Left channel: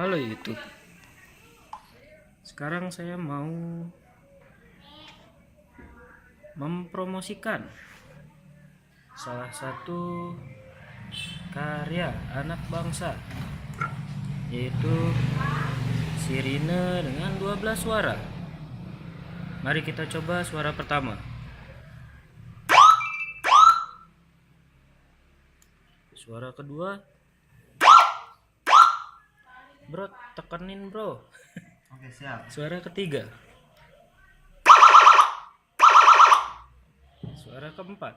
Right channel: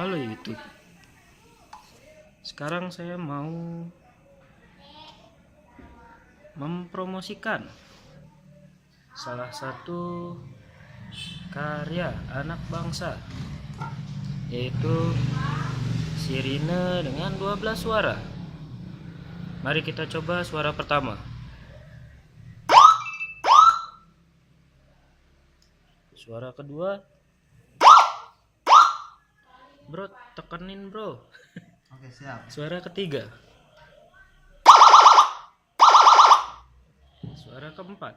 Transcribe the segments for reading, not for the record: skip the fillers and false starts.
Halo YouTube. Sekarang saya mau mempromosikan salah satu karya anak bangsa, yaitu sirine dengan 12 suara. Mari kita coba suara pertama. Suara kedua. Bro, tekenin bro. Oke, siap. Suara ketiga. Suara keempat.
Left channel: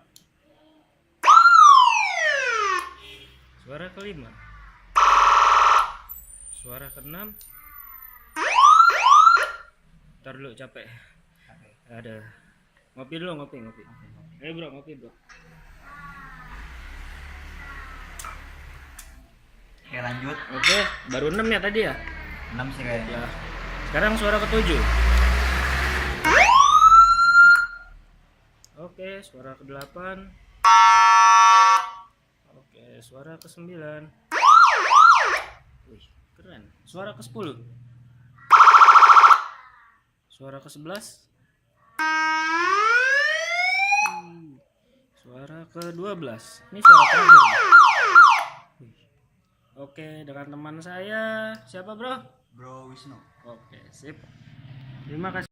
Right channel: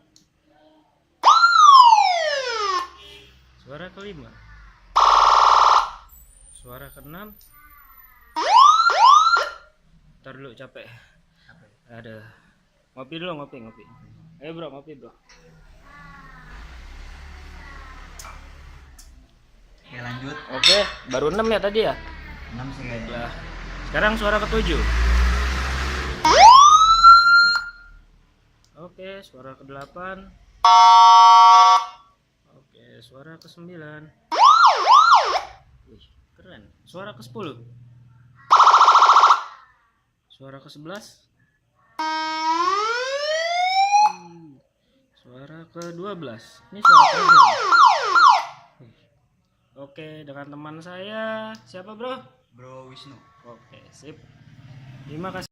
Suara kelima. Suara keenam. Ntar dulu, capek. Ada. Ngopi dulu, ngopi. Ayo bro, ngopi bro. Oke, lanjut. Oke, baru 6 ya tadi ya? 6 sih kayaknya. Ya. Sekarang suara ketujuh. Oke, suara ke-8. Oke, suara ke-9. Wih, keren. Suara ke-10. Suara ke-11. Suara ke-12. Ini suara terakhir. Wih. Oke, dengan teman saya. Siapa bro? Bro Wisnu. Oke, sip. Terima kasih.